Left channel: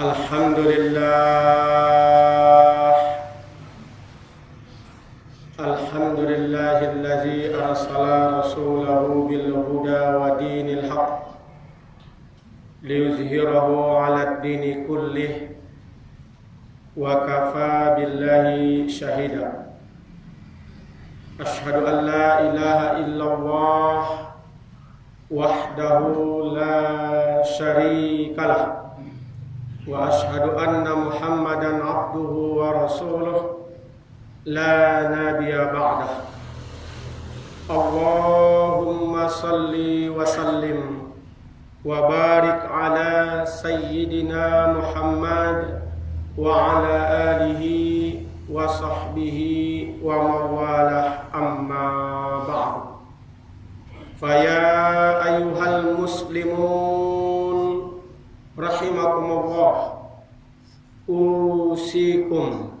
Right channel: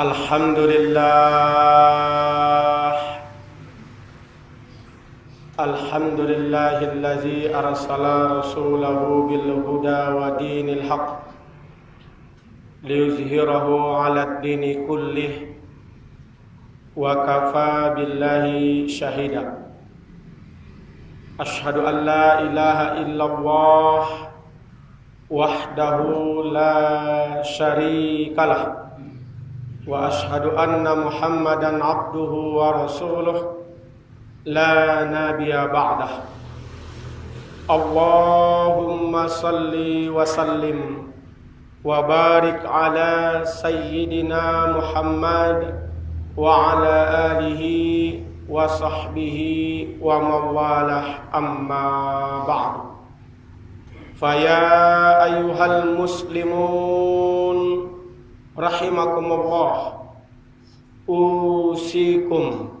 Alhamdulillahillazi arsala rasulahu bil huda wa dinil haq liyuzhirahu 'alad dini kullih wa kafa billahi shahida. Asyhadu an la ilaha illallah wahdahu la syarikalah wa asyhadu anna Muhammadan abduhu wa rasuluh la nabiyya ba'dah. Allahumma salli wa sallim wa barik ala sayyidina Muhammad wa ala alihi wa sahbihi wa mawalah, amma ba'd. Faya ayyuhal muslimun rahimakumullah, usikum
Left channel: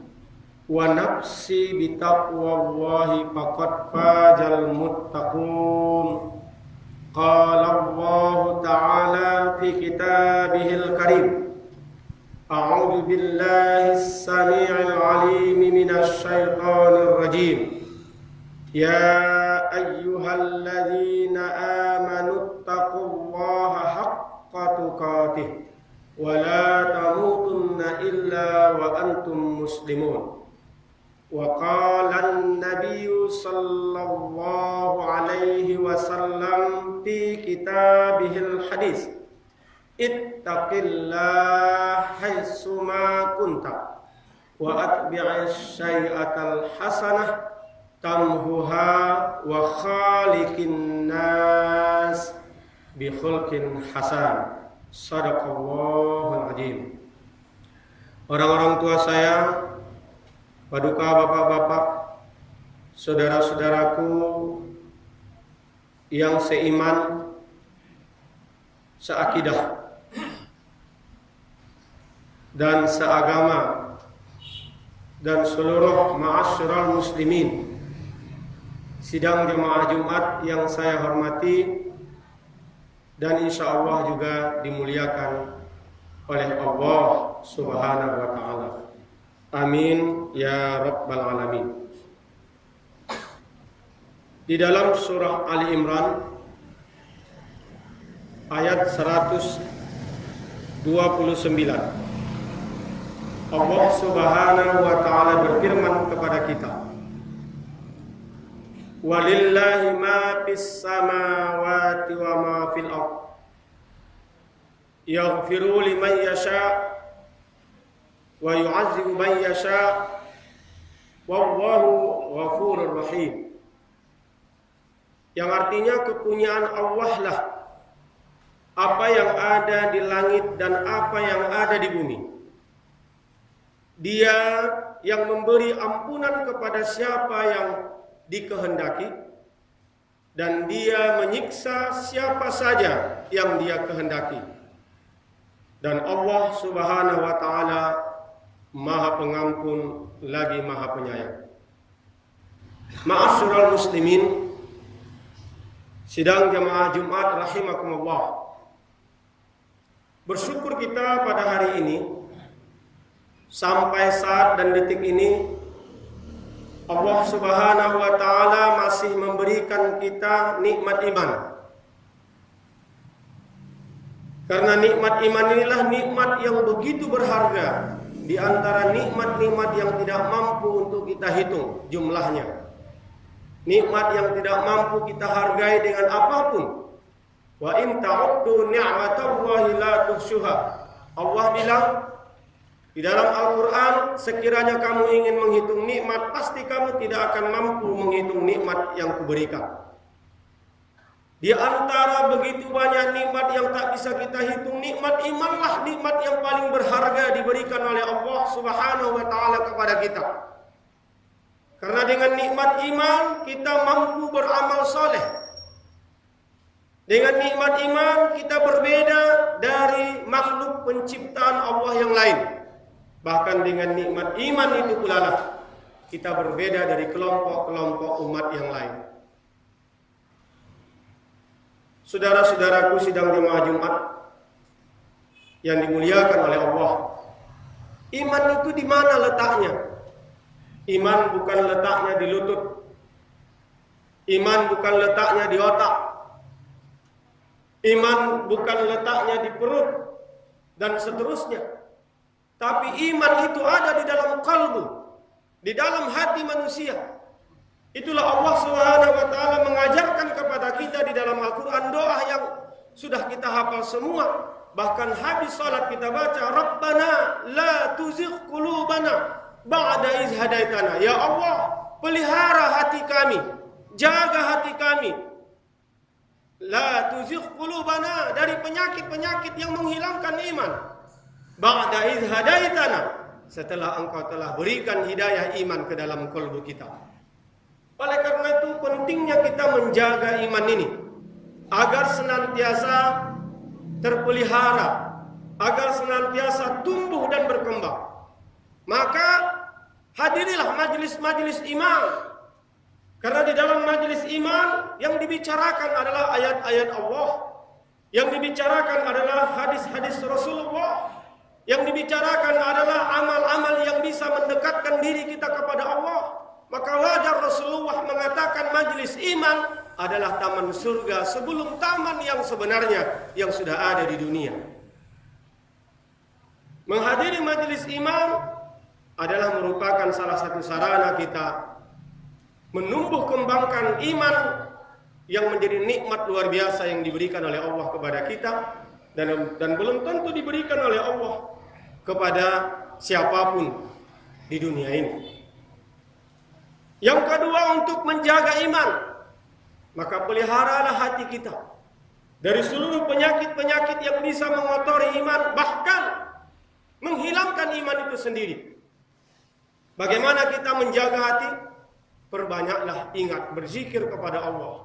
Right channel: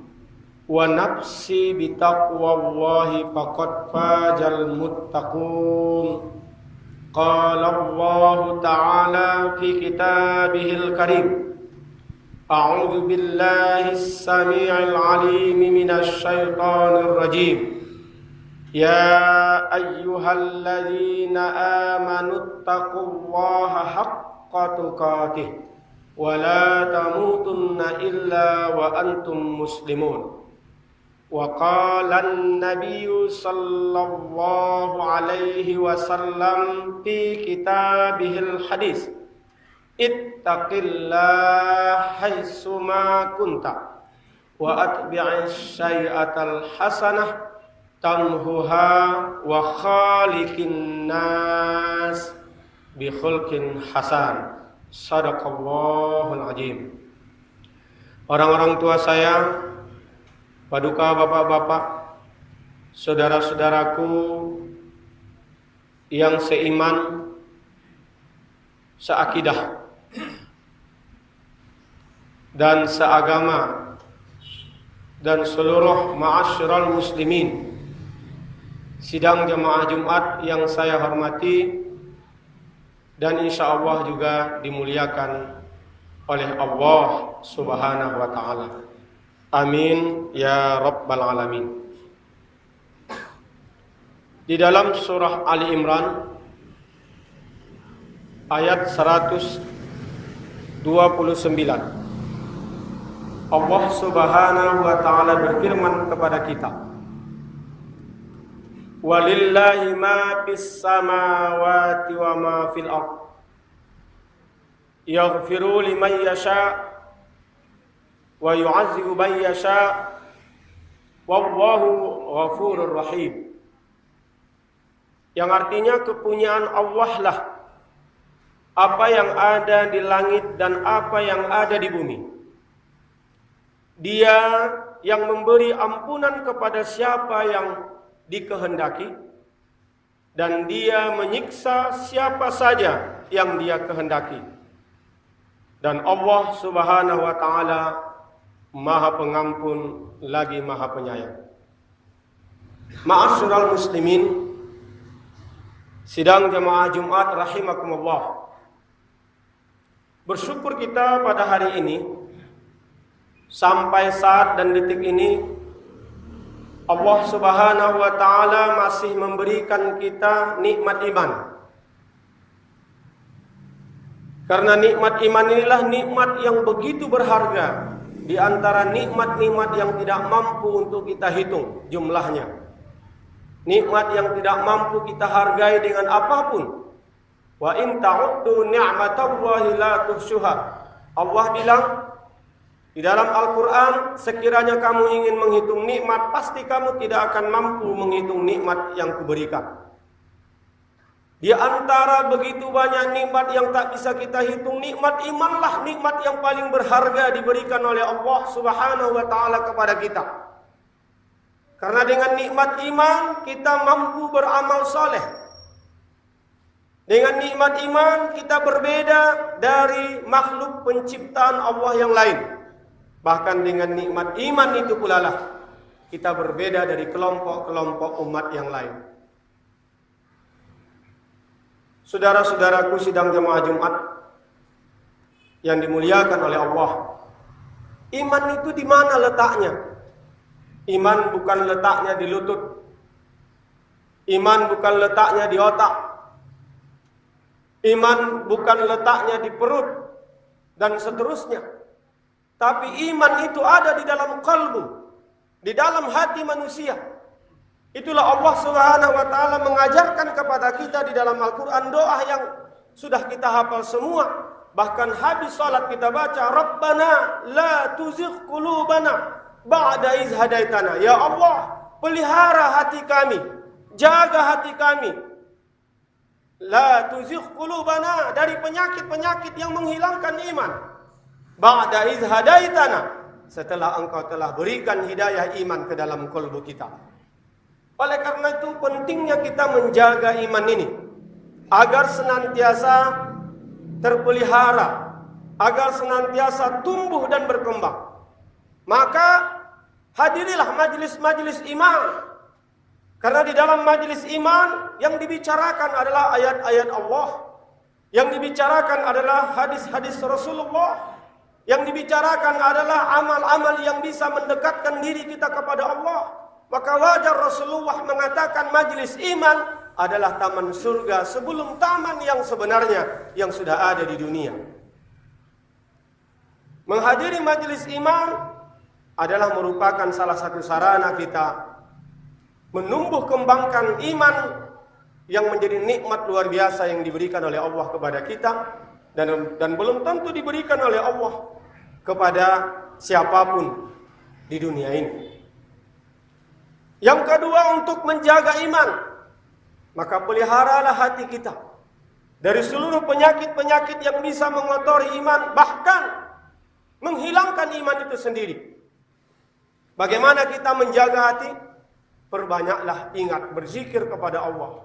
wa nafsi bitaqwallahi faqad fajal muttaqun. Qala Allahu ta'ala fi kitabihil karim, a'udzu billahis samii'il 'aliim minasy syaithaanir rajiim. Ya ayyuhalladzina aamanu taqullaha haqqa tuqatih wa la tamutunna illa wa antum muslimun. Wa qala an-nabiyyu sallallahu alaihi wasallam fi kitabihil hadis, ittaqillaha haitsuma kunta wa atbi'is syai'atal hasanah tamhuha wa khaliqin nas bi khulqin hasan. Shadaqallahul azim. Orang-orang tua saya, paduka bapak-bapak, saudara-saudaraku yang seiman, seakidah dan seagama, dan seluruh ma'asyiral muslimin, sidang jemaah Jumat yang saya hormati dan insya Allah juga dimuliakan oleh Allah Subhanahu wa ta'ala. Amin ya rabbal alamin. Di dalam surah Ali Imran ayat 129, Allah Subhanahu wa ta'ala berfirman kepada kita, walillahi ma fis samawati wa ma fil ardh yaghfiru liman yasha wa yu'azzibu man yasha wallahu ghafurur rahim. Yang artinya kepunyaan Allah lah apa yang ada di langit dan apa yang ada di bumi. Dia yang memberi ampunan kepada siapa yang dikehendaki, dan dia menyiksa siapa saja yang dia kehendaki. Dan Allah Subhanahu wa ta'ala Maha Pengampun lagi Maha Penyayang. Ma'asyiral muslimin, sidang jemaah Jumat rahimakumullah. Bersyukur kita pada hari ini, sampai saat dan detik ini Allah Subhanahu wa ta'ala masih memberikan kita nikmat iman. Karena nikmat iman inilah nikmat yang begitu berharga di antara nikmat-nikmat yang tidak mampu untuk kita hitung jumlahnya. Nikmat yang tidak mampu kita hargai dengan apapun. Wa in ta'uddu ni'matallahi la tuhsuha. Allah bilang di dalam Al-Quran, sekiranya kamu ingin menghitung nikmat, pasti kamu tidak akan mampu menghitung nikmat yang kuberikan. Di antara begitu banyak nikmat yang tak bisa kita hitung, nikmat imanlah nikmat yang paling berharga diberikan oleh Allah Subhanahu wa ta'ala kepada kita. Karena dengan nikmat iman kita mampu beramal saleh. Dengan nikmat iman kita berbeda dari makhluk penciptaan Allah yang lain. Bahkan dengan nikmat iman itu pula lah kita berbeda dari kelompok-kelompok umat yang lain. Saudara-saudaraku sidang jemaah Jumat, yang dimuliakan oleh Allah, iman itu di mana letaknya? Iman bukan letaknya di lutut. Iman bukan letaknya di otak. Iman bukan letaknya di perut dan seterusnya. Tapi iman itu ada di dalam kalbu, di dalam hati manusia. Itulah Allah Subhanahu wa taala mengajarkan kepada kita di dalam Al-Qur'an doa yang sudah kita hafal semua. Bahkan habis salat kita baca, Rabbana la tuzigh qulubana ba'da iz hadaitana. Ya Allah, pelihara hati kami, jaga hati kami. La tuzigh qulubana, dari penyakit-penyakit yang menghilangkan iman. Ba'da iz hadaitana, setelah engkau telah berikan hidayah iman ke dalam kalbu kita. Oleh karena itu pentingnya kita menjaga iman ini agar senantiasa terpelihara, agar senantiasa tumbuh dan berkembang. Maka hadirilah majelis-majelis iman. Karena di dalam majelis iman yang dibicarakan adalah ayat-ayat Allah, yang dibicarakan adalah hadis-hadis Rasulullah, yang dibicarakan adalah amal-amal yang bisa mendekatkan diri kita kepada Allah. Maka wajar Rasulullah mengatakan majelis iman adalah taman surga sebelum taman yang sebenarnya yang sudah ada di dunia. Menghadiri majelis iman adalah merupakan salah satu sarana kita menumbuh kembangkan iman yang menjadi nikmat luar biasa yang diberikan oleh Allah kepada kita, dan belum tentu diberikan oleh Allah kepada siapapun di dunia ini. Yang kedua, untuk menjaga iman, maka peliharalah hati kita dari seluruh penyakit-penyakit yang bisa mengotori iman, bahkan menghilangkan iman itu sendiri. Bagaimana kita menjaga hati? Perbanyaklah ingat berzikir kepada Allah,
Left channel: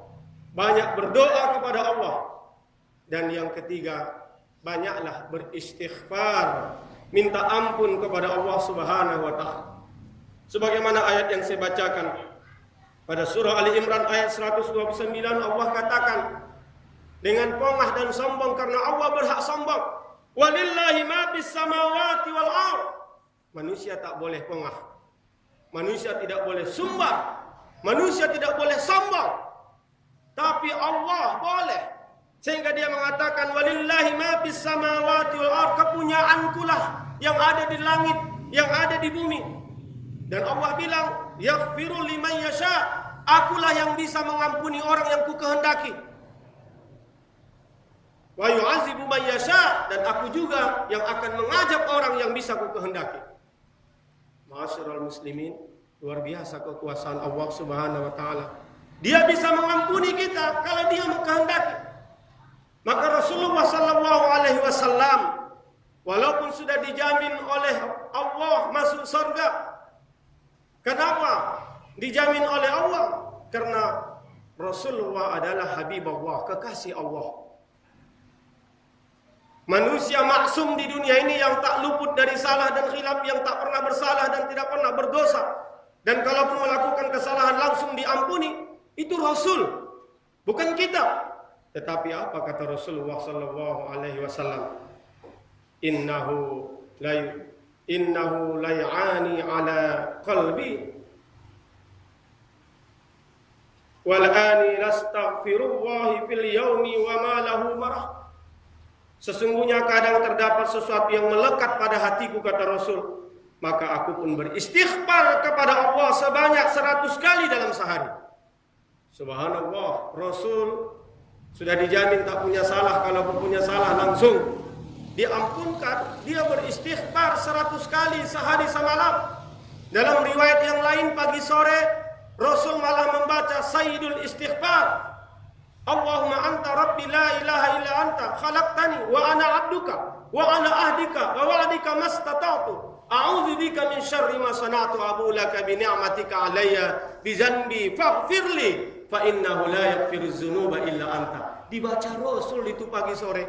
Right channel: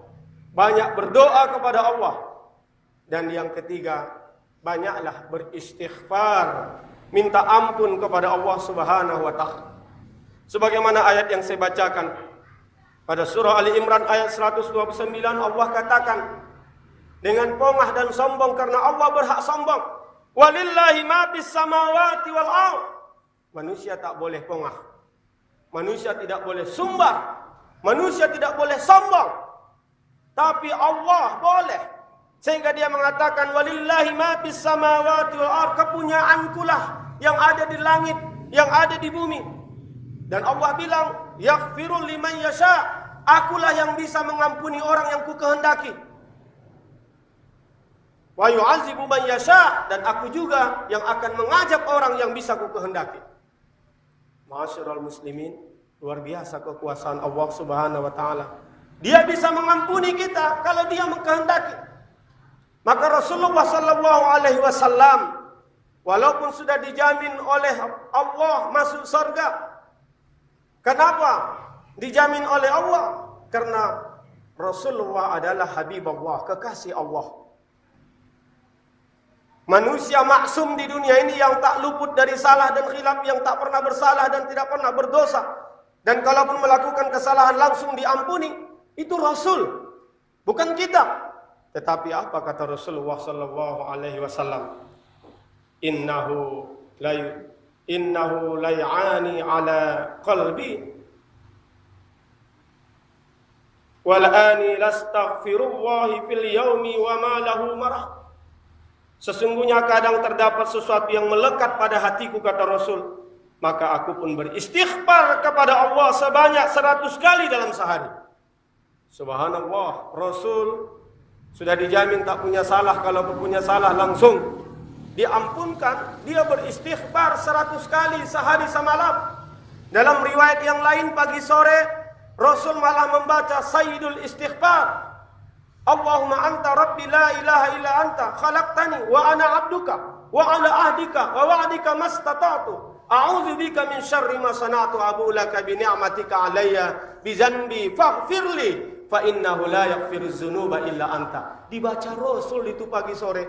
banyak berdoa kepada Allah, dan yang ketiga, banyaklah beristighfar, minta ampun kepada Allah Subhanahu wa taala. Sebagaimana ayat yang saya bacakan pada surah Ali Imran ayat 129, Allah katakan, dengan pongah dan sombong, karena Allah berhak sombong. Walillahi ma bis samawati wal ardh. Manusia tak boleh pongah. Manusia tidak boleh sumbar. Manusia tidak boleh sombong. Tapi Allah boleh. Sehingga dia mengatakan, walillahi ma bis samawati wal ardh. Kepunyaankulah yang ada di langit, yang ada di bumi. Dan Allah bilang, yaghfiru liman yasha, akulah yang bisa mengampuni orang yang ku kehendaki. Wa yu'adzibu man yasha, dan aku juga yang akan mengajab orang yang bisa ku kehendaki. Ma'asyiral muslimin, luar biasa kekuasaan Allah Subhanahu wa taala. Dia bisa mengampuni kita kalau dia mengkehendaki. Maka Rasulullah sallallahu alaihi wasallam walaupun sudah dijamin oleh Allah masuk surga. Kenapa dijamin oleh Allah? Karena Rasulullah adalah Habib Allah, kekasih Allah. Manusia maksum di dunia ini yang tak luput dari salah dan khilaf, yang tak pernah bersalah dan tidak pernah berdosa. Dan kalaupun melakukan kesalahan langsung diampuni, itu Rasul, bukan kita. Tetapi apa kata Rasulullah sallallahu alaihi wasallam? Innahu lay'ani ala qalbi wal'ani lastaghfirullahi fil yaumi wa ma lahu marah. Sesungguhnya kadang terdapat sesuatu yang melekat pada hatiku, kata Rasul, maka aku pun beristighfar kepada Allah sebanyak 100 kali dalam sehari. Subhanallah, Rasul sudah dijamin tak punya salah. Kalaupun punya salah langsung diampunkan. Dia beristighfar 100 kali sehari semalam. Dalam riwayat yang lain pagi sore Rasul malah membaca Sayyidul Istighfar. Allahumma anta rabbi la ilaha illa anta khalaqtani wa ana abduka wa ala ahdika wa wa'dika mastata'tu a'udzu bika min syarri ma sana'tu abu laka bi ni'matika alayya bi dzanbi faghfirli fa innahu la yaghfiru dzunuba illa anta. Dibaca Rasul itu pagi sore.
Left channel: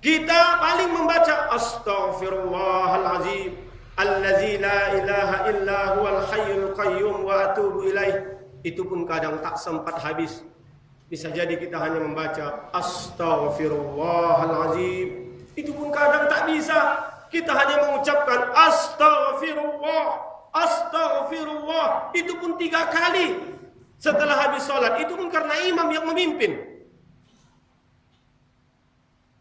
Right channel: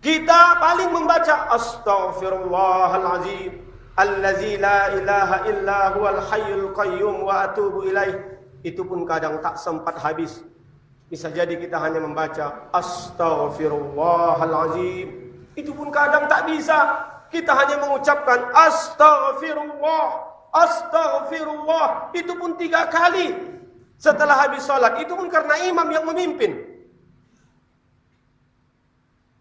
Kita paling membaca astaghfirullahalazim allazi la ilaha illa huwal hayyul qayyum wa atubu ilaih. Itu pun kadang tak sempat habis. Bisa jadi kita hanya membaca astaghfirullahalazim Itu pun kadang tak bisa. Kita hanya mengucapkan astaghfirullah, astaghfirullah. Itu pun 3 kali setelah habis salat. Itu pun karena imam yang memimpin.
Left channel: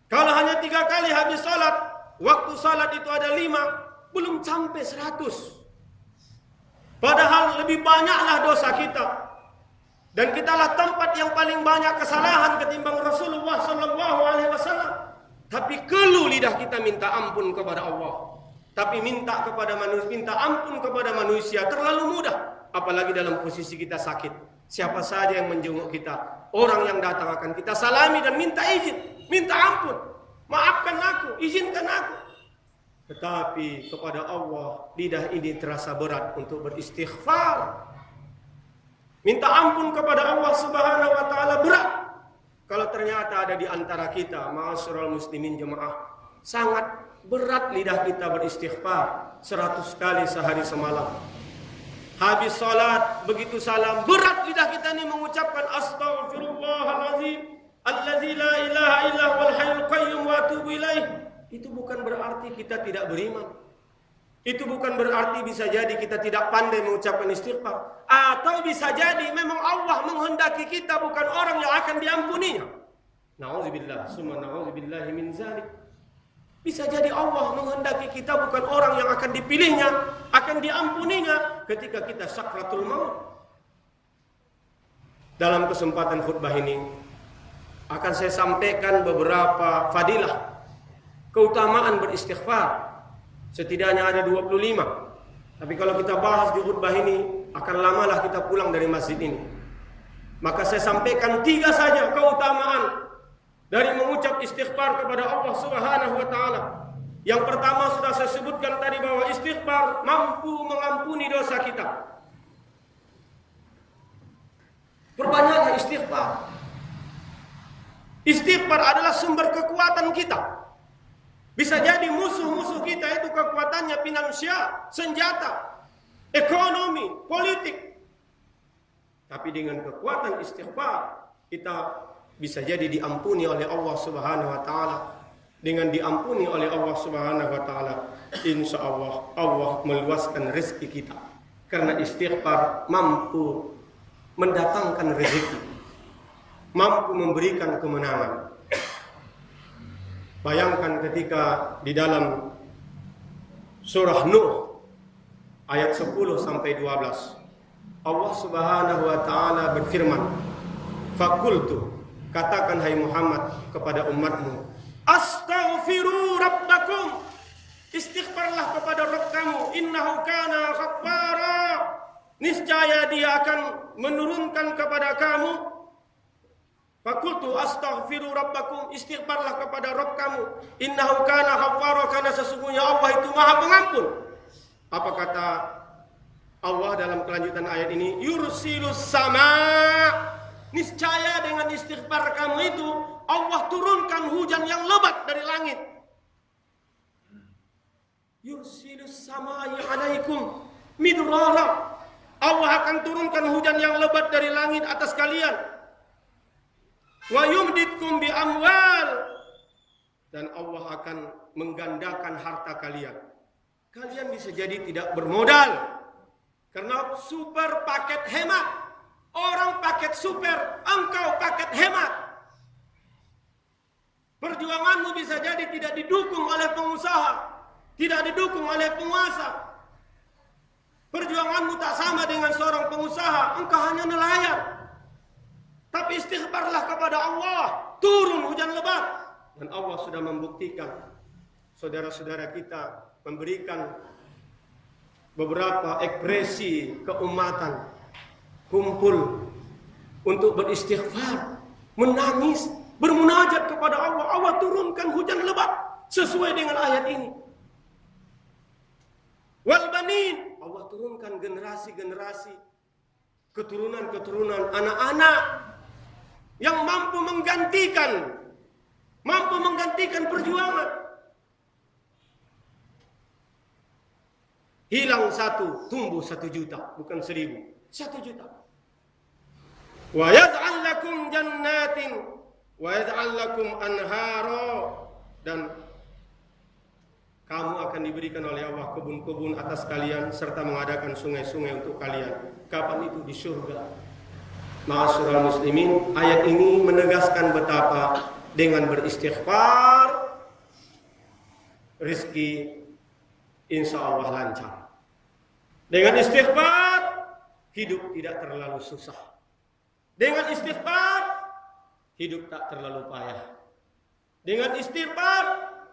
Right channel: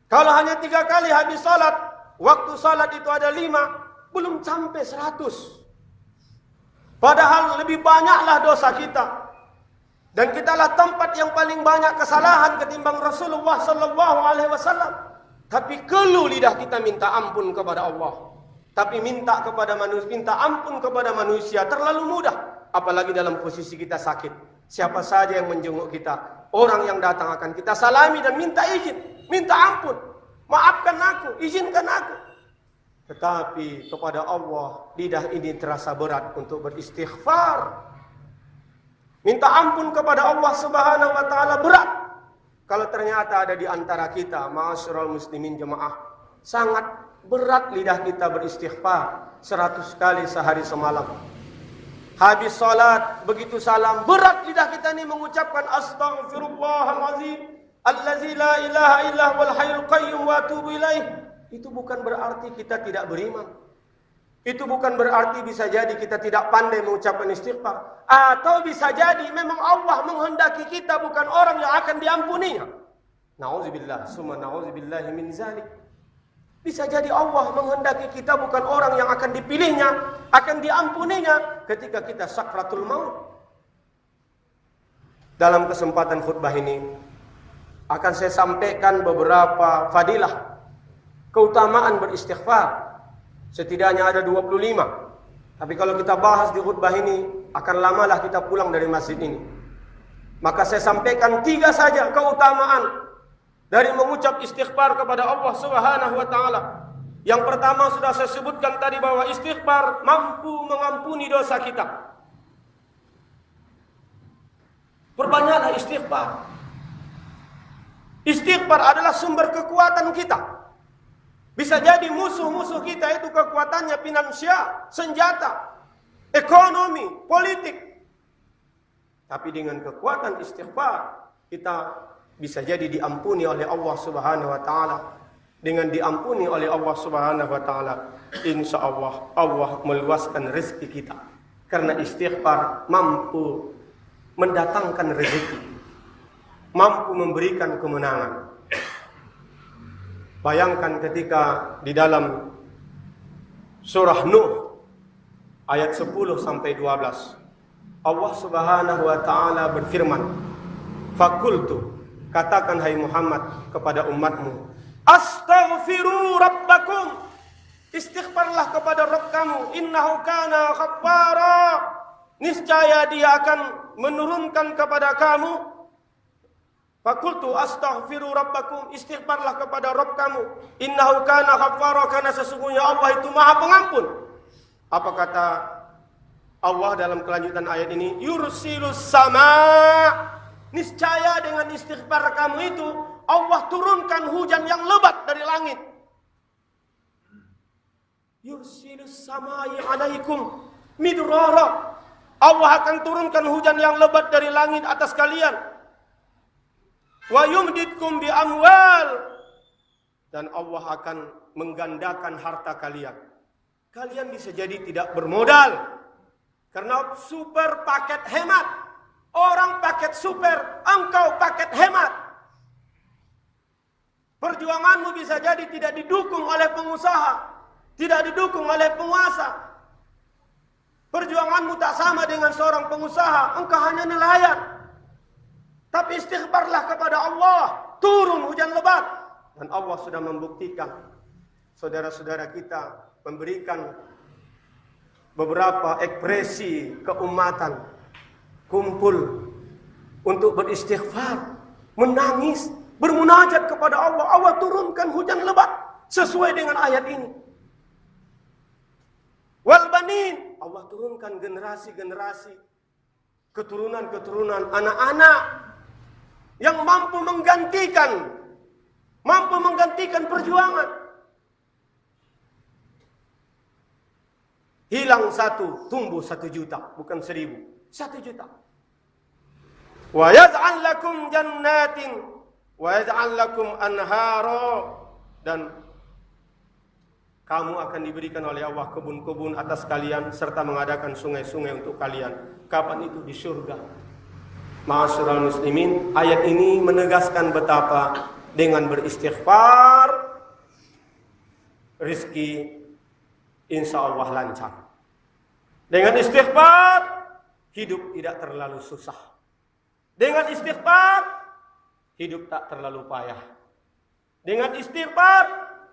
Kalau hanya 3 kali habis salat, waktu salat itu ada 5, belum sampai 100. Padahal lebih banyaklah dosa kita. Dan kitalah tempat yang paling banyak kesalahan ketimbang Rasulullah sallallahu alaihi wasallam. Tapi keluh lidah kita minta ampun kepada Allah. Tapi minta ampun kepada manusia terlalu mudah. Apalagi dalam posisi kita sakit. Siapa saja yang menjenguk kita, orang yang datang akan kita salami dan minta izin, minta ampun. Maafkan aku, izinkan aku. Tetapi kepada Allah, lidah ini terasa berat untuk beristighfar. Minta ampun kepada Allah Subhanahu wa taala berat. Kalau ternyata ada di antara kita, ma'asyiral muslimin jemaah, sangat berat lidah kita beristighfar 100 kali sehari semalam. Habis salat, begitu salam, berat lidah kita ini mengucapkan astaghfirullahalazim, allazi la ilaha illa huwal hayyul qayyum wa atubu ilaih. Itu bukan berarti kita tidak beriman. Itu bukan berarti bisa jadi kita tidak pandai mengucapkan istighfar. Atau bisa jadi memang Allah menghendaki kita bukan orang yang akan diampuninya. Na'udzubillah, summa na'udzubillahi min zalik. Bisa jadi Allah menghendaki kita bukan orang yang akan dipilihnya, akan diampuninya ketika kita sakratul maut. Dalam kesempatan khutbah ini akan saya sampaikan beberapa fadilah keutamaan beristighfar. Setidaknya ada 25. Tapi kalau kita bahas di khutbah ini, akan lamalah kita pulang dari masjid ini. Maka saya sampaikan 3 saja keutamaan dari mengucap istighfar kepada Allah Subhanahu wa taala. Yang pertama sudah saya sebutkan tadi bahwa istighfar mampu mengampuni dosa kita. Perbanyaklah istighfar. Istighfar adalah sumber kekuatan kita. Bisa jadi musuh-musuh kita itu kekuatannya finansial, senjata, ekonomi, politik. Tapi dengan kekuatan istighfar, kita bisa jadi diampuni oleh Allah Subhanahu wa taala. Dengan diampuni oleh Allah Subhanahu wa taala, insyaallah Allah meluaskan rezeki kita. Karena istighfar mampu mendatangkan rezeki, mampu memberikan kemenangan. Bayangkan ketika di dalam surah Nuh ayat 10 sampai 12, Allah Subhanahu wa taala berfirman, "Faqultu," katakan hai Muhammad kepada umatmu, "Astaghfiru rabbakum." Istighfarlah kepada Rabb kamu, innahu kana ghaffara. Niscaya Dia akan menurunkan kepada kamu. Fakultu astaghfiru rabbakum, istighfarlah kepada Rabb kamu, innahu kana ghaffara, karena sesungguhnya Allah itu Maha Pengampun. Apa kata Allah dalam kelanjutan ayat ini? Yursilus sama. Niscaya dengan istighfar kamu itu Allah turunkan hujan yang lebat dari langit. Yursilus samai alaikum midrara. Allah akan turunkan hujan yang lebat dari langit atas kalian. Wa yumditkum bi amwal, dan Allah akan menggandakan harta kalian. Kalian bisa jadi tidak bermodal karena super paket hemat. Orang paket super, engkau paket hemat. Perjuanganmu bisa jadi tidak didukung oleh pengusaha, tidak didukung oleh penguasa. Perjuanganmu tak sama dengan seorang pengusaha, engkau hanya nelayan. Tapi istighfarlah kepada Allah, turun hujan lebat. Dan Allah sudah membuktikan. Saudara-saudara kita memberikan beberapa ekspresi keumatan, kumpul untuk beristighfar, menangis, bermunajat kepada Allah. Allah turunkan hujan lebat sesuai dengan ayat ini. Wal banin, Allah turunkan generasi-generasi, keturunan-keturunan anak-anak yang mampu menggantikan perjuangan. Hilang 1, tumbuh 1 juta, bukan 1000, 1 juta. Wa yaj'al lakum jannatin wa yaj'al lakum anhara, dan Kamu akan diberikan oleh Allah kebun-kebun atas kalian serta mengadakan sungai-sungai untuk kalian. Kapan itu? Di surga. Ma'asyiral muslimin, ayat ini menegaskan betapa dengan beristighfar rizki insya Allah lancar. Dengan istighfar hidup tidak terlalu susah. Dengan istighfar hidup tak terlalu payah. Dengan istighfar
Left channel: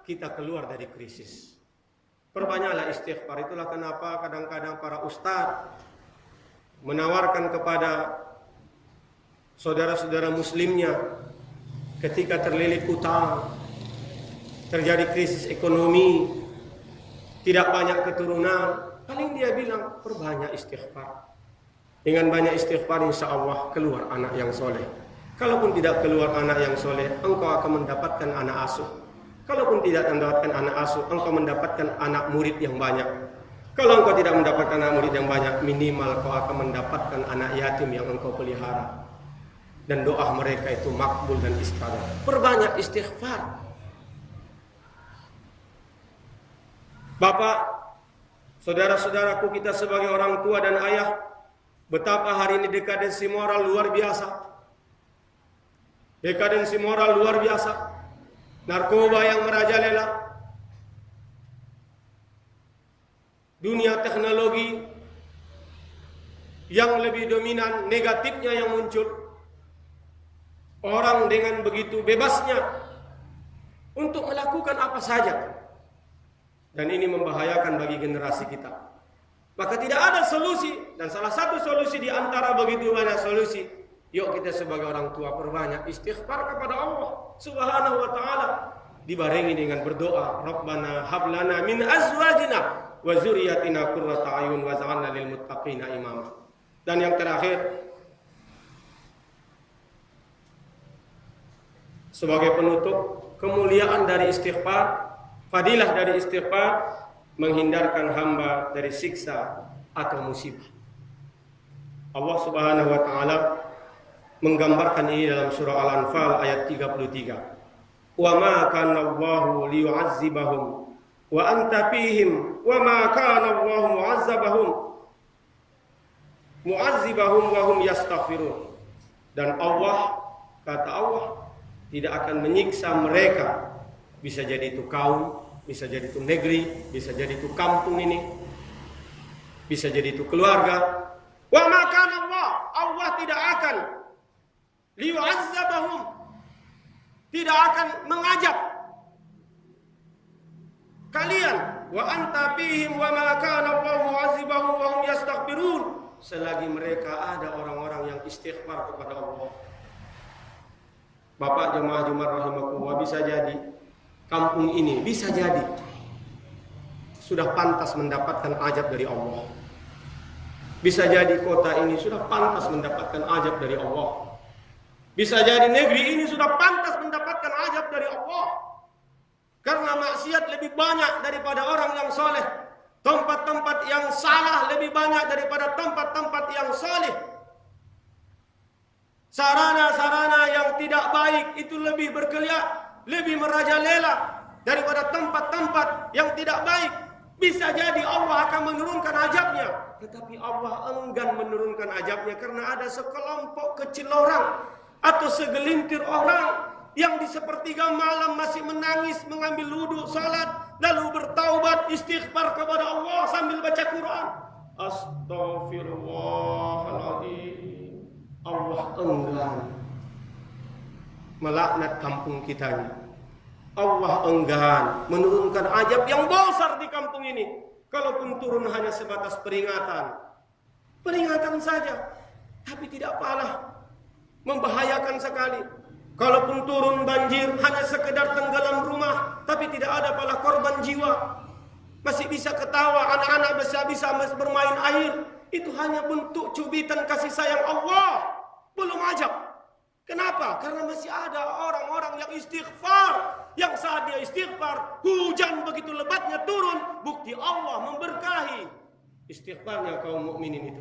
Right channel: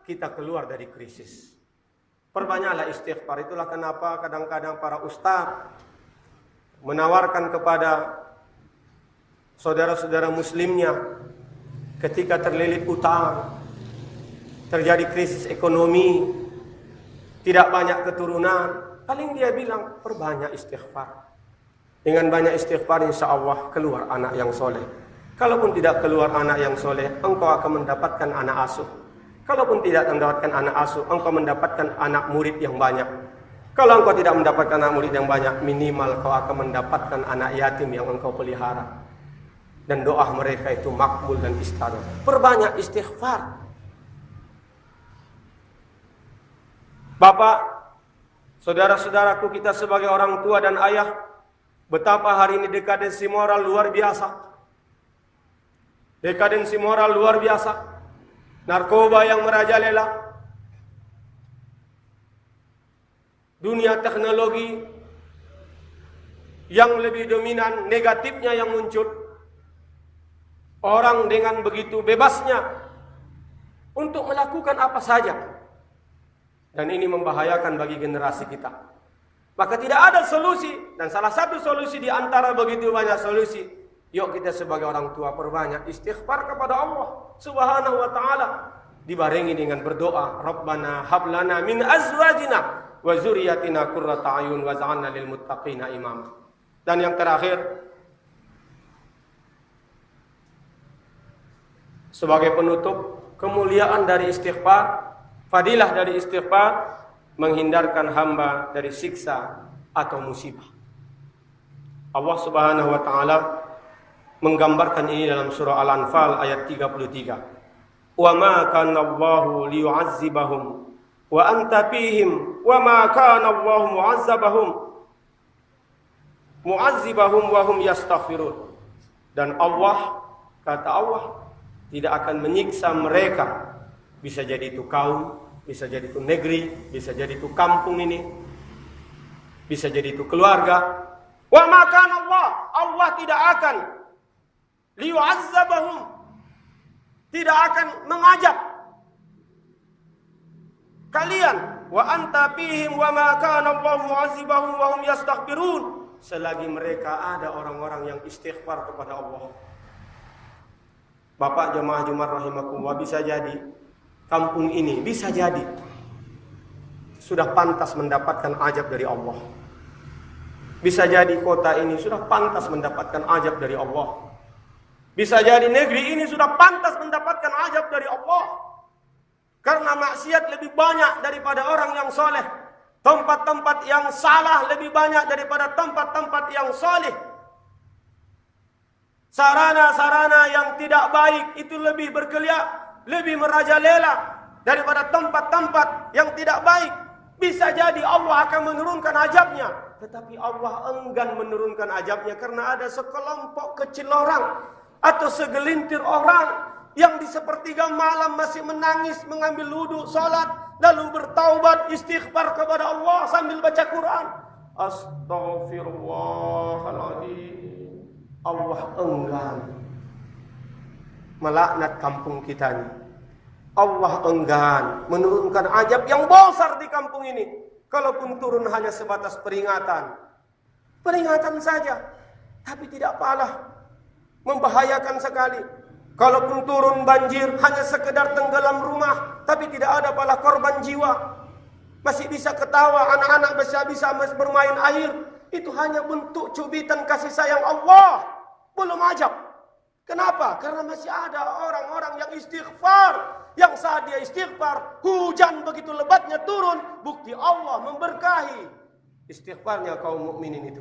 kita keluar dari krisis. Perbanyaklah istighfar. Itulah kenapa kadang-kadang para ustadz menawarkan kepada saudara-saudara muslimnya ketika terlilit utang, terjadi krisis ekonomi, tidak banyak keturunan, paling dia bilang perbanyak istighfar. Dengan banyak istighfar insya Allah keluar anak yang soleh. Kalaupun tidak keluar anak yang soleh, engkau akan mendapatkan anak asuh. Kalaupun tidak mendapatkan anak asuh, engkau mendapatkan anak murid yang banyak. Kalau engkau tidak mendapatkan anak murid yang banyak, minimal kau akan mendapatkan anak yatim yang engkau pelihara. Dan doa mereka itu makbul dan istajab. Perbanyak istighfar. Bapak, saudara-saudaraku, kita sebagai orang tua dan ayah, betapa hari ini dekadensi moral luar biasa. Dekadensi moral luar biasa. Narkoba yang merajalela, dunia teknologi yang lebih dominan, negatifnya yang muncul. Orang dengan begitu bebasnya untuk melakukan apa saja. Dan ini membahayakan bagi generasi kita. Maka tidak ada solusi. Dan salah satu solusi di antara begitu banyak solusi, yuk kita sebagai orang tua perbanyak istighfar kepada Allah Subhanahu wa ta'ala, dibarengi dengan berdoa, Rabbana hablana min azwajina wa zuriyatina qurrata ayun waj'alna lil muttaqina imama. Dan yang terakhir, sebagai penutup, kemuliaan dari istighfar, fadilah dari istighfar, menghindarkan hamba dari siksa atau musibah. Allah Subhanahu wa ta'ala menggambarkan ini dalam surah Al-Anfal ayat 33. Wa ma kana Allahu liyu'azzibahum wa anta fihim wa ma kana Allahu mu'azzibahum wa hum yastaghfirun. Dan Allah, kata Allah, tidak akan menyiksa mereka. Bisa jadi itu kaum, bisa jadi itu negeri, bisa jadi itu kampung ini, bisa jadi itu keluarga. Wa ma kana Allah tidak akan liyu'azzabahum, tidak akan mengajab kalian. Wa anta fihim wa ma kana Allahu mu'azzibahum wa hum yastaghfirun, selagi mereka ada orang-orang yang istighfar kepada Allah. Bapak jemaah Jumat rahimakumullah, bisa jadi kampung ini, bisa jadi sudah pantas mendapatkan ajab dari Allah. Bisa jadi kota ini sudah pantas mendapatkan ajab dari Allah. Bisa jadi negeri ini sudah pantas mendapatkan ajab dari Allah. Karena maksiat lebih banyak daripada orang yang soleh. Tempat-tempat yang salah lebih banyak daripada tempat-tempat yang soleh. Sarana-sarana yang tidak baik itu lebih berkeliaran, lebih merajalela daripada tempat-tempat yang tidak baik. Bisa jadi Allah akan menurunkan azabnya, tetapi Allah enggan menurunkan azabnya karena ada sekelompok kecil orang atau segelintir orang yang di sepertiga malam masih menangis, mengambil wudu, salat, lalu bertaubat, istighfar kepada Allah sambil baca Quran. Astaghfirullahaladzim. Allah enggan melaknat kampung kita ini. Allah enggan menurunkan azab yang besar di kampung ini. Kalaupun turun hanya sebatas peringatan, peringatan saja, tapi tidak apalah, membahayakan sekali. Kalaupun turun banjir hanya sekedar tenggelam rumah, tapi tidak ada pala korban jiwa. Masih bisa ketawa, anak-anak bisa bermain air. Itu hanya bentuk cubitan kasih sayang Allah, belum ajab. Kenapa? Karena masih ada orang-orang yang istighfar. Yang saat dia istighfar, hujan begitu lebatnya turun. Bukti Allah memberkahi istighfarnya kaum mukminin itu.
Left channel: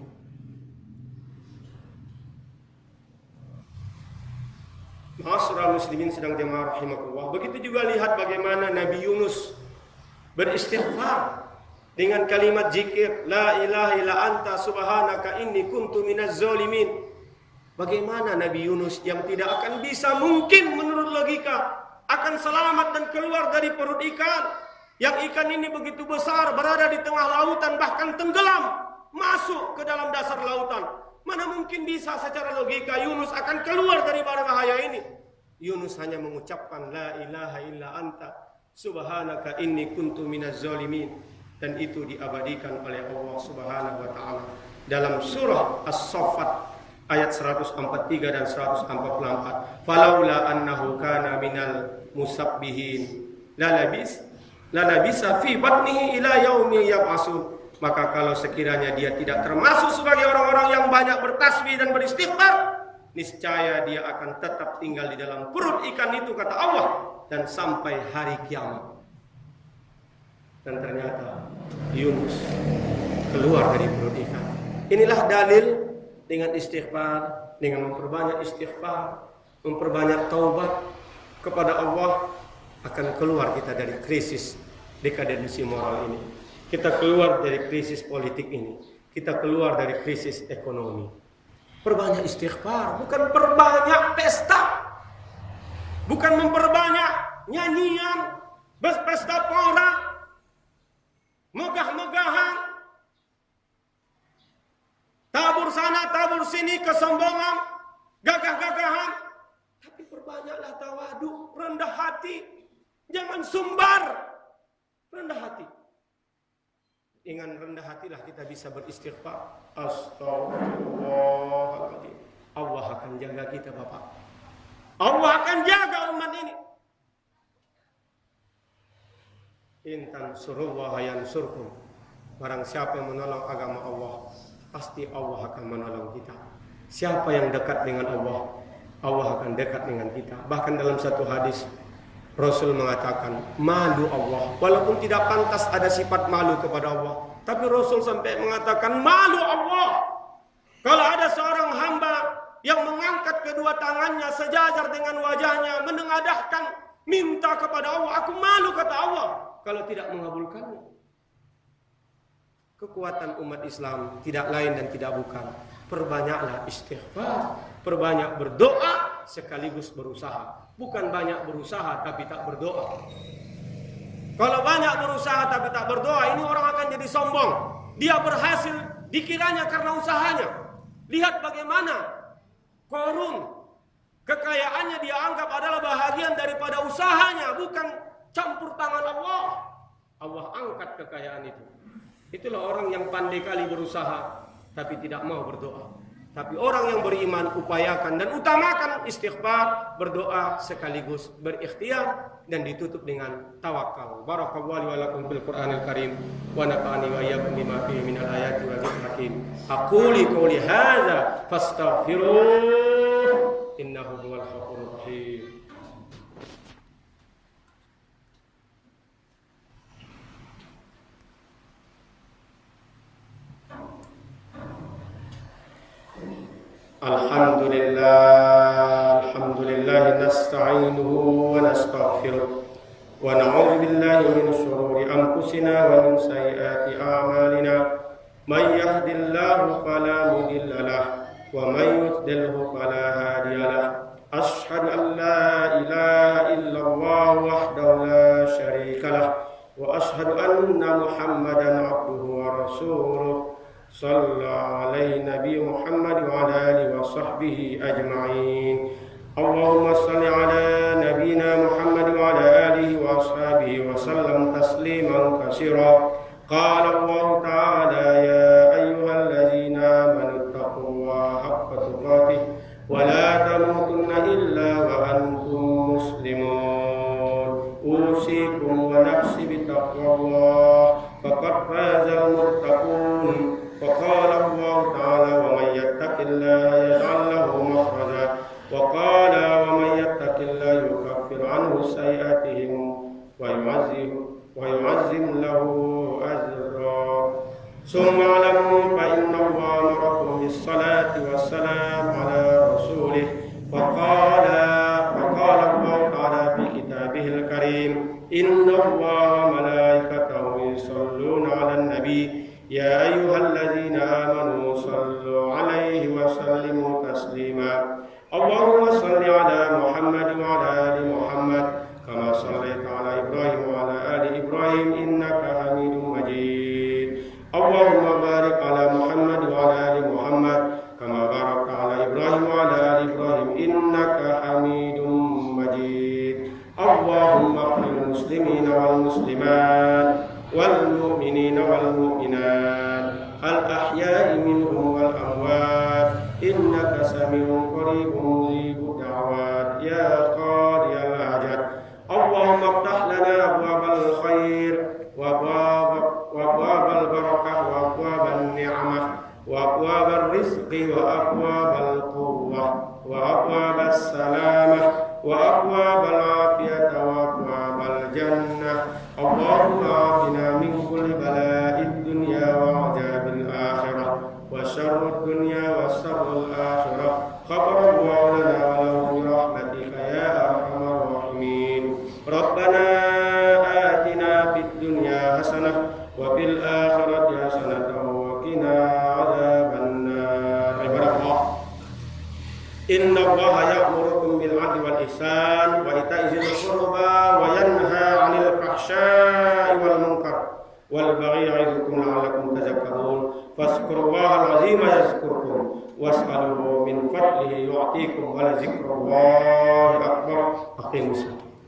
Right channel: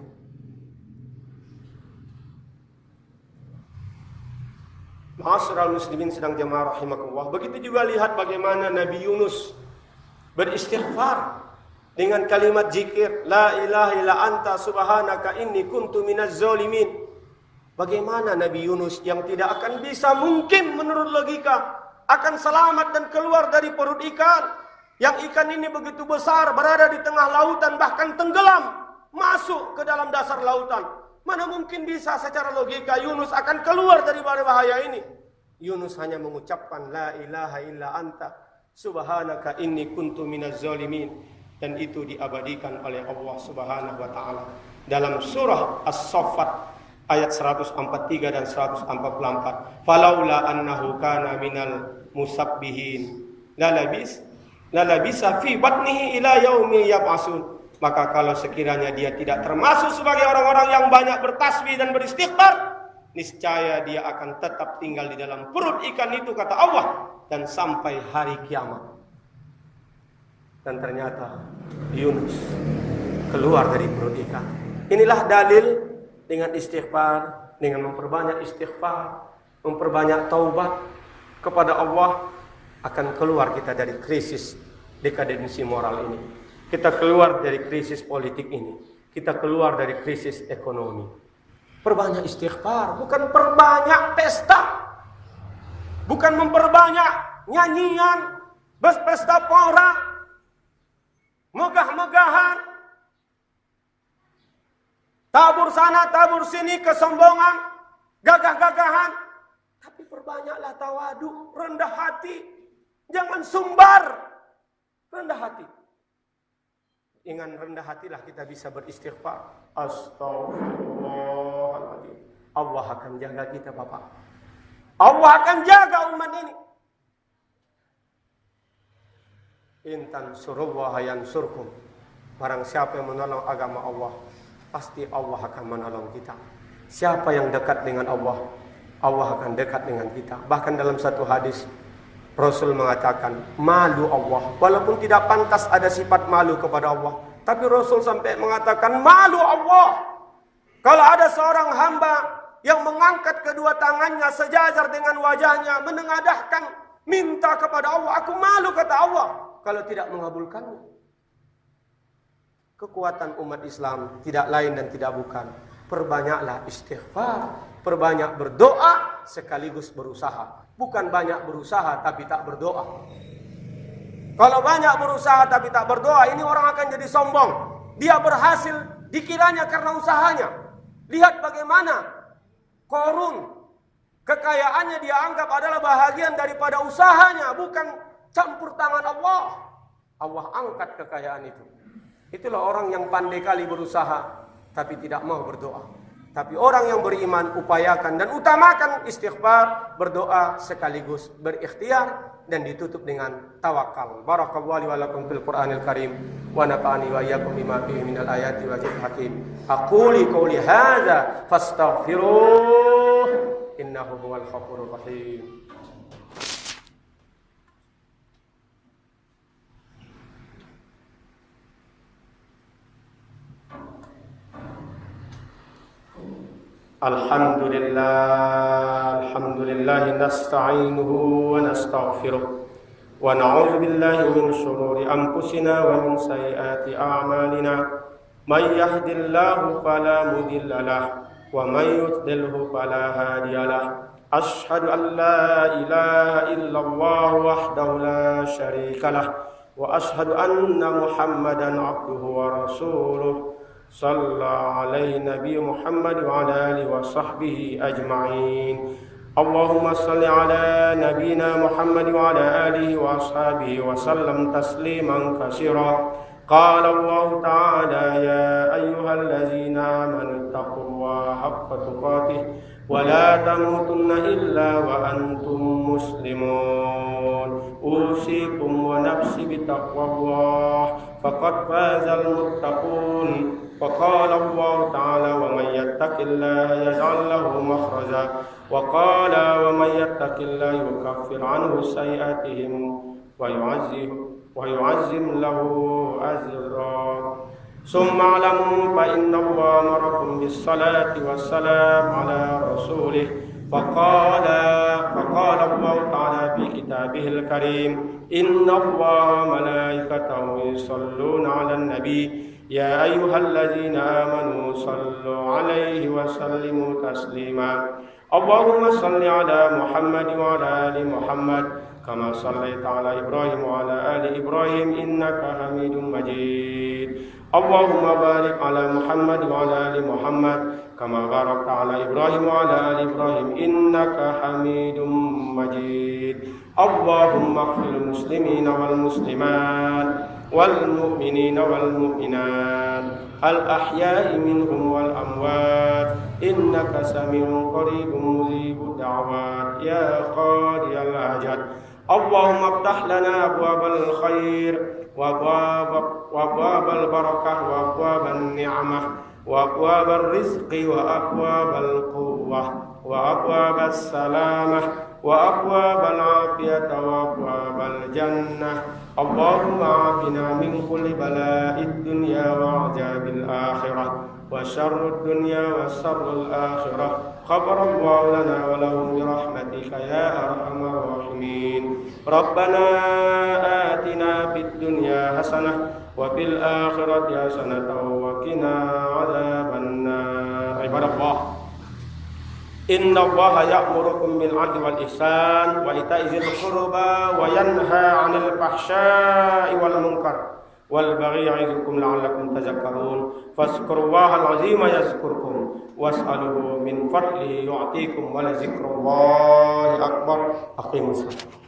Ma'asyiral muslimin sedang jemaah rahimakumullah. Begitu juga lihat bagaimana Nabi Yunus beristighfar dengan kalimat zikir la ilaha illa anta subhanaka inni kuntu minaz zalimin. Bagaimana Nabi Yunus yang tidak akan bisa mungkin menurut logika akan selamat dan keluar dari perut ikan, yang ikan ini begitu besar, berada di tengah lautan, bahkan tenggelam masuk ke dalam dasar lautan. Mana mungkin bisa secara logika Yunus akan keluar dari bahaya ini. Yunus hanya mengucapkan la ilaha illa anta subhanaka inni kuntu minaz zalimin, dan itu diabadikan oleh Allah Subhanahu wa taala dalam surah As-Saffat ayat 143 dan 144. Falaula annahu kana minal musabbihin la labisa fi batnihi ila yaumi yab'asun. Maka kalau sekiranya dia tidak termasuk sebagai orang-orang yang banyak bertasbih dan beristighfar, niscaya dia akan tetap tinggal di dalam perut ikan itu, kata Allah, dan sampai hari kiamat. Dan ternyata Yunus keluar dari perut ikan. Inilah dalil dengan istighfar, dengan memperbanyak istighfar, memperbanyak taubat kepada Allah, akan keluar kita dari krisis dekadensi moral ini. Kita keluar dari krisis politik ini. Kita keluar dari krisis ekonomi. Perbanyak istighfar, bukan perbanyak pesta. Bukan memperbanyak nyanyian, pesta pora, megah-megahan, tabur sana, tabur sini, kesombongan, gagah-gagahan. Tapi perbanyaklah tawadu, rendah hati. Jangan sumbar, rendah hati. Dengan rendah hatilah kita bisa beristighfar. Astagfirullahaladzim. Allah akan jaga kita, Bapak. Allah akan jaga umat ini. Intan surullah yansurkum. Barang siapa yang menolong agama Allah, pasti Allah akan menolong kita. Siapa yang dekat dengan Allah, Allah akan dekat dengan kita. Bahkan dalam satu hadis Rasul mengatakan malu Allah, walaupun tidak pantas ada sifat malu kepada Allah, tapi Rasul sampai mengatakan malu Allah. Kalau ada seorang hamba yang mengangkat kedua tangannya sejajar dengan wajahnya, menengadahkan minta kepada Allah, aku malu, kata Allah, kalau tidak mengabulkannya. Kekuatan umat Islam tidak lain dan tidak bukan, perbanyaklah istighfar, perbanyak berdoa sekaligus berusaha. Bukan banyak berusaha tapi tak berdoa. Kalau banyak berusaha tapi tak berdoa, ini orang akan jadi sombong. Dia berhasil dikiranya karena usahanya. Lihat bagaimana Qarun, kekayaannya dia anggap adalah bahagian daripada usahanya, bukan campur tangan Allah. Allah angkat kekayaan itu. Itulah orang yang pandai kali berusaha tapi tidak mau berdoa. Tapi orang yang beriman upayakan dan utamakan istighfar, berdoa sekaligus berikhtiar, dan ditutup dengan tawakal. Barakallahu li wa lakum fil Qur'anil Karim wa nafa'ani wa iyyakum bima fihi minal ayati wa dzikril hakim. Aquli qouli hadza fastaghfiruh innahu huwal ghafurur rahim. Alhamdulillah nasta'inuhu wa nastaghfiruh wa na'udzu billahi min shururi anfusina wa min sayyiati a'malina. May yahdihillahu fala mudilla lahu wa may yudlilhu fala hadiya lahu. Ashhadu an la ilaha illallah wahdahu la syarika lahu wa ashhadu anna Muhammadan abduhu wa rasuluh. Sallallahu alaihi Nabi Muhammad wa ala alihi wa sahbihi ajma'in. Allahumma salli ala nabina Muhammad wa ala alihi wa ashabihi wa sallam tasliman katsira. Qala Allah ta'ala ya ayyuhallazina amanu taqullaha haqqa tuqatih wa la tamutunna illa wa antum muslimun. Usikum wa nafsi bitaqwallah faqad fazal muttaqun. وقال الله تعالى ومن يتق الله يجعل له مخرجا وقال ومن يتق الله يكفر عنه سيئاتهم ويعظم له أجرا. ثم اعلموا فإن الله أمركم بالصلاة والسلام على رسوله فقال الله تعالى في كتابه الكريم إن الله ملائكته النبي يا أيها الذين آمنوا صلوا عليه وسلموا تسليما اللهم صل على محمد وعلى آل محمد كما صليت على إبراهيم وعلى آل إبراهيم إنك حميد مجيد اللهم بارك على محمد وعلى آل محمد كما باركت على إبراهيم وعلى آل إبراهيم إنك حميد مجيد اللهم اغفر للمسلمين والمسلمات والمؤمنين والمؤمنات الأحياء منهم والأموات إنك سميع قريب مجيب الدعوات يا قاضي الحاجات اللهم افتح لنا أبواب الخير وأبواب البركة وأبواب النعمة وأبواب الرزق وأبواب القوة وأبواب السلامة وأبواب العافية وأبواب الجنة اللهم عافنا من كل بلاء الدنيا وعذاب الآخرة وشر الدنيا وشر الآخرة غفر الله لنا وله برحمتك يا أرحم الراحمين ربنا آتنا في الدنيا حسنة وفي الآخرة حسنة وقنا عذاب النار عباد الله إن الله يأمركم بالعدل والإحسان وإيتاء ذي القربى وينهى عن الفحشاء والمنكر والبغي يعظكم لعلكم تذكرون فاذكروا الله العظيم يذكركم واسألوه من فضله يعطيكم ولذكر الله أكبر أقيموا الصلاة